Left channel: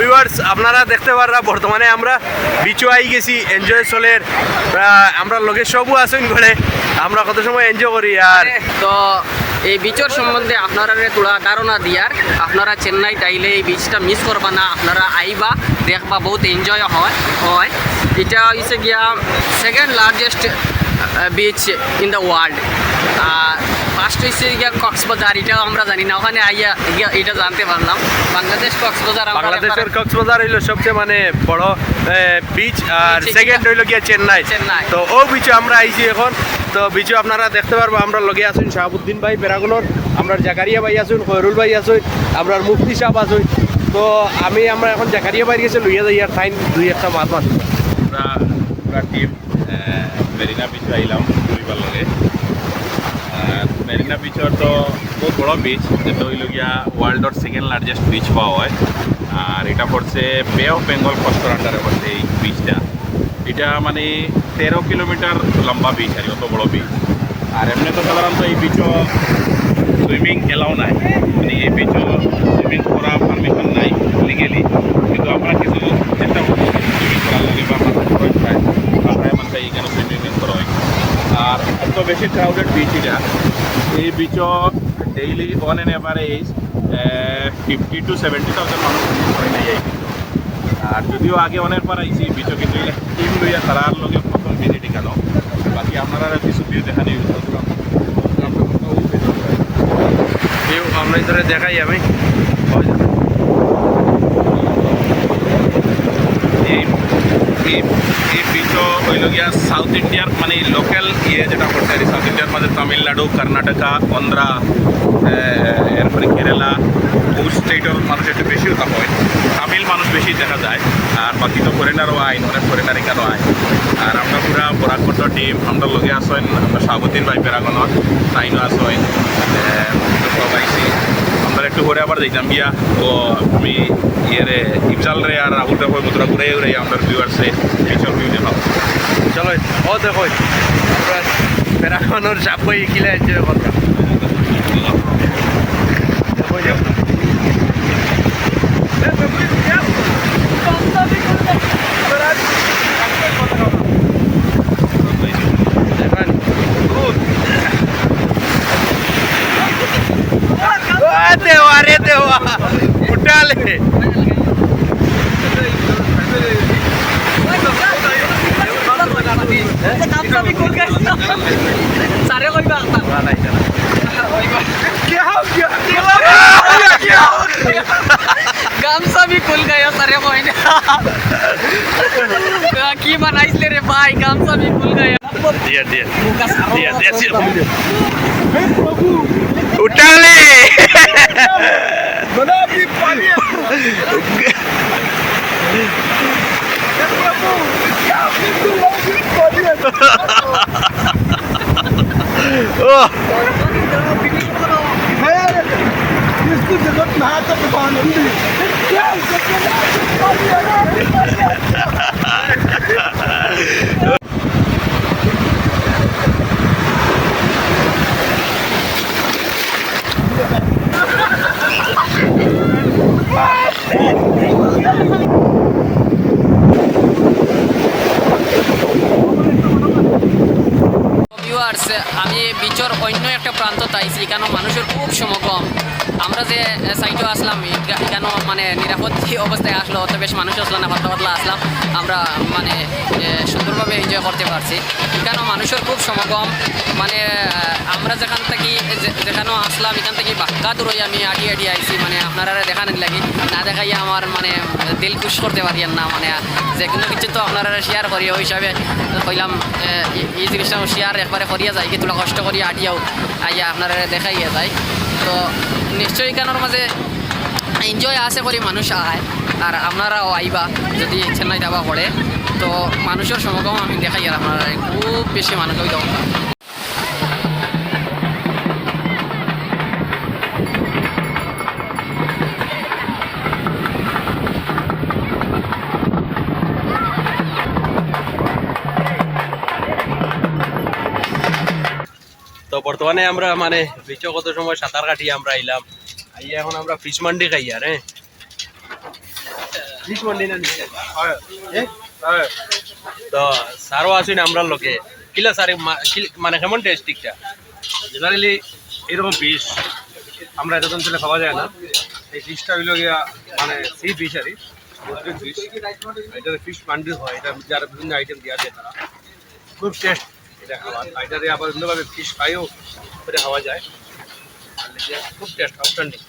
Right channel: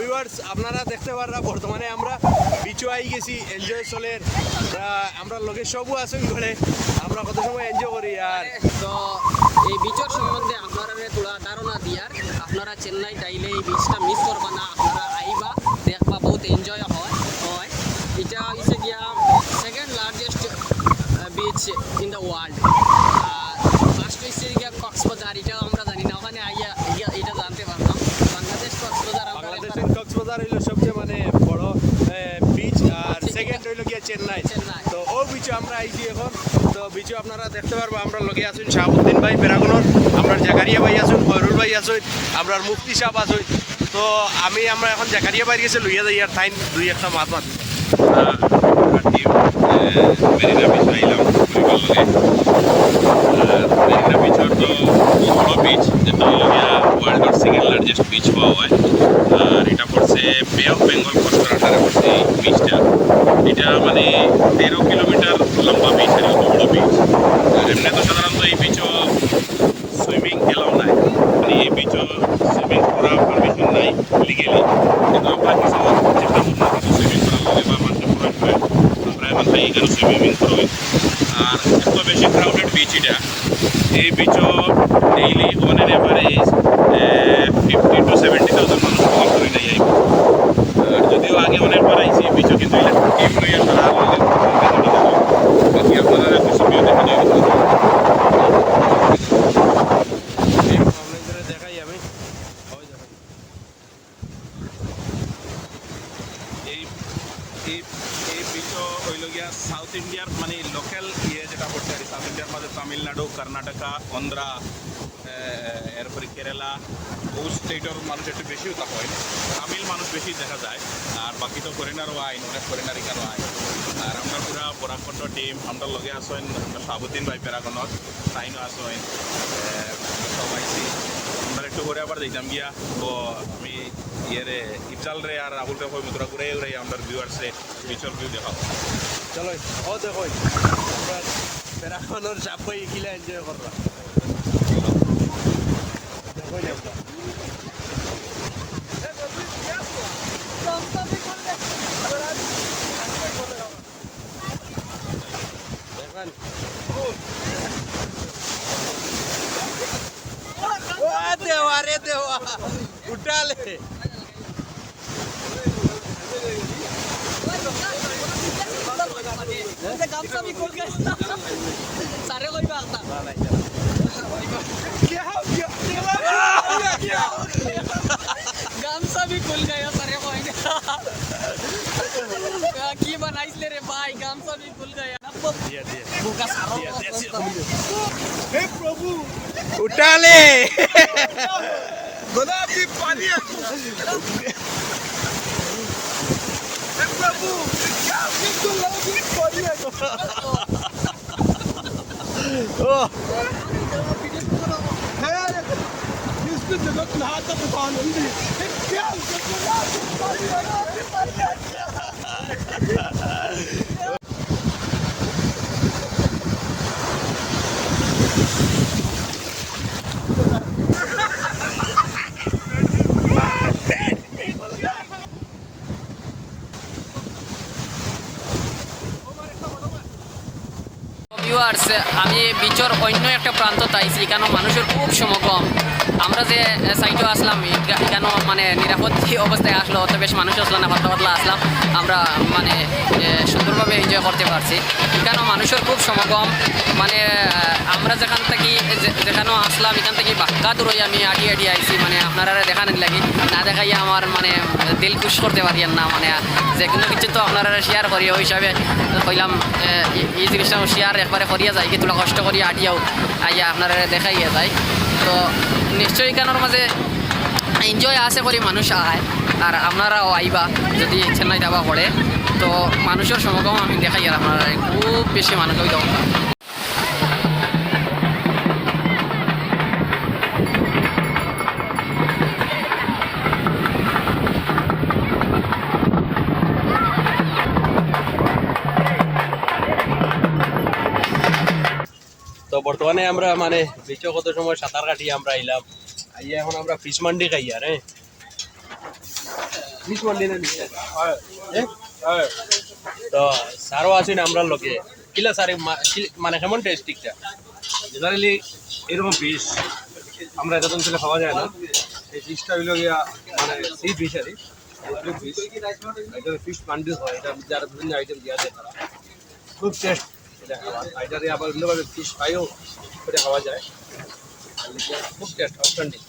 Viewers আপনারা দেখতে পারা বর্তমানে আমরা বিচু আই গেছি এনজয় চলের। আমরা লোকের সবও আছেন ঘরে, আমরা কত সময় এনজয় করি, আর তো এই বিচর সম্বন্ধে আপনারা তোলা ধারণা দিয়ার, আপনারা চেন্নাই তাইলে এই বিচটা মিস করবা না, আপনারা আইবা, দেখবা বহুত এনজয় হয় হয়। এটা হচ্ছে গিয়া second largest beach in the world first হচ্ছে গিয়া কক্সবাজার এটাও আমরা জানি না ওখানে আইয়া গিয়া- এটা জানতে পারলাম বাংলাদেশ কক্সবাজার বাংলাদেশের কক্সবাজার হইল সবচেয়ে মানে বড় বিচ আর সেকেন্ড হইল গিয়া চেন্নাই চেন্নাই। তো ও বিচে আমরা আইছি এখন। তো বিচে আপনারা দেখতে পারব আমরা লগে আছেন শাহাবুদ্দিন ভাই বেরাগুনর আমরা জাকারিয়া ভাই আছেন ফয়রুল ভাই আছেন আমরা মুফতি সাহেব আছেন তো আমি আমরা এখন জাকারিয়া ভাই গেছে লইয়া যাই আর টাইম দুই একটা মাছ মাছ। টিম মেরিনা বিচ আইলাম ঘুরিবার লগে। মেরিনা বিচর তো বড় বিচ যেটা হইল গিয়া ওয়ার্ল্ডর সেকেন্ড লার্জেস্ট বিচ পাওয়া হয় আর এটা পড়ছে বে অফ বেঙ্গল কোস্টাল আন্ডারে পড়ছে এই বিচটা এটা মানে তেরো কিলোমিটার লম্বা বিচ এত বড় বিচ আর এমনি তো সাধারণত এই বিচও সুইমিং এলাও নাই। মানে এই বিচও সুইমিং করা পারমিশন নাই লিগেলি কিন্তু আমরা কিছু করব কিছু সুইমিং করার লগে বা মাঠে প্রয়োগ পায় আমরা এখান এখানে সুইমিং করবে আর এত বেশি ক্রাউডেড বিচ এটা এই বিচও daily on an average fifty to seventy thousand মানুষ ভিজিট করে নেই এই beach। আর যদিও আগে অনেক বার আইছি এই বিচও কিন্তু টিম লইয়া খেলা লগে ভিজিটিং হলো বাকি আপনারা কিছু ভিউ দেখে নিয়ে গেছেন আমরা ধরে দেখাই আমি এই এই গিয়া সাউথ ইন্ডিয়ার মানে লোকাল ইয়ে যেটা করতে আর সাউথ ইন্ডিয়ার মধ্যে তামিলনাড়ু, কর্ণাটকা, অন্ধ্রা এরপরে কেরালা, বহু স্টেটের মানুষ একটু বেশি ওটা হয়। তামিল মানুষ বেশি দেখা যায়, আর বাকি তো ফরেনারও আইন অনেক ফরেনার এখানেও আইন আর আমরা পুরা বরাকট টিম আমরা লগে আসেন আমরা সাবুদ্দিন ভাই পেরাগনত তাইনও আসেন একটু করে আবার দেখলাম গিয়া ও আমি ইয়ে ইফজাল রে আর আবুটা হয়ে মুদ্রা ঘুরে ঘুরে আমরা ভিউয়ার্সে ফিচার ভিউ দেখাও চলো ও দেখো বেড়ানোর চাপ বই কিলে দেখো যাও। पहले सारे कोई की मना इसलिए रे भाई गामसा भी खुल गया उठा ले ও আমি বিচর অন্য একটা প্রান্ত তাইছি এখানে মানুষের খুব সমাগম আমরা যে সাইডে আসলাম এখানে মানে নিরাপদ অবস্থায় আসলো, অত বেশ মানুষ আসলো না, পাতলা আসলাম, আমরা মানে সুন্দরভাবে এনজয় করতে পারছি। এখানেও মানুষের খুব সমাগম মানে আমরা যেখান থেকে যেখানেও আসলাম, এখান থেকে বাক্কা দূরই আমি আডি আডি আইছি মানে আপনারা দেখানোর লাগি, না দেখাইয়া আমার মানে দিল খুশ করতে পারি না মানে যে কোনো কিছু তো আপনারা শেয়ার করি ওই হিসাবে কইলাম এই- জিনিসটা শেয়ার একবারে করিয়া যায় কি তোলা কষ্ট করি আডিয়াও আইয়া আপনারা দেখাইয়া যায় তো নিশ্চয়ই কেন মাঝে এনজয় আছে করে মানুষ আয়। আর আপনারাও আইবা, যদি চেন্নাই যাবা পড়ে তো মানুষের সমাগম আমি দেখাই আর আপনারা, খুব বেশি মানুষ ওই বর্তমানে আমরা মানে বিচ কত সময় সাঁতার কাটিয়ে আমরা আইলাম। আইয়া এখন আমরা ফিশ মান্ডি খাই আর হ্যাঁ? ফিশ মন্ডি না এ? তো আছেন আমরা লোকে কিলা স্যার মানে কেমন টেস্ট ঠিকঠাক জেনারেলি এরকম ফিশ আমরা এত অঞ্চলে পাওয়া যায় না। এই ফিশটা হইল গিয়া মানে সি ফিশ আর ফিশ এটাতে ফিশ মান্ডি হয় এটা যারা বিভিন্ন আইটেম দেওয়া যায় তারা। খুব টেস্ট এটা এটাতে আবার অন্যভাবে ফিশ ফ্রাইও করে খাওয়া যায়। খুব টেস্ট আউটস্ট্যান্ডিং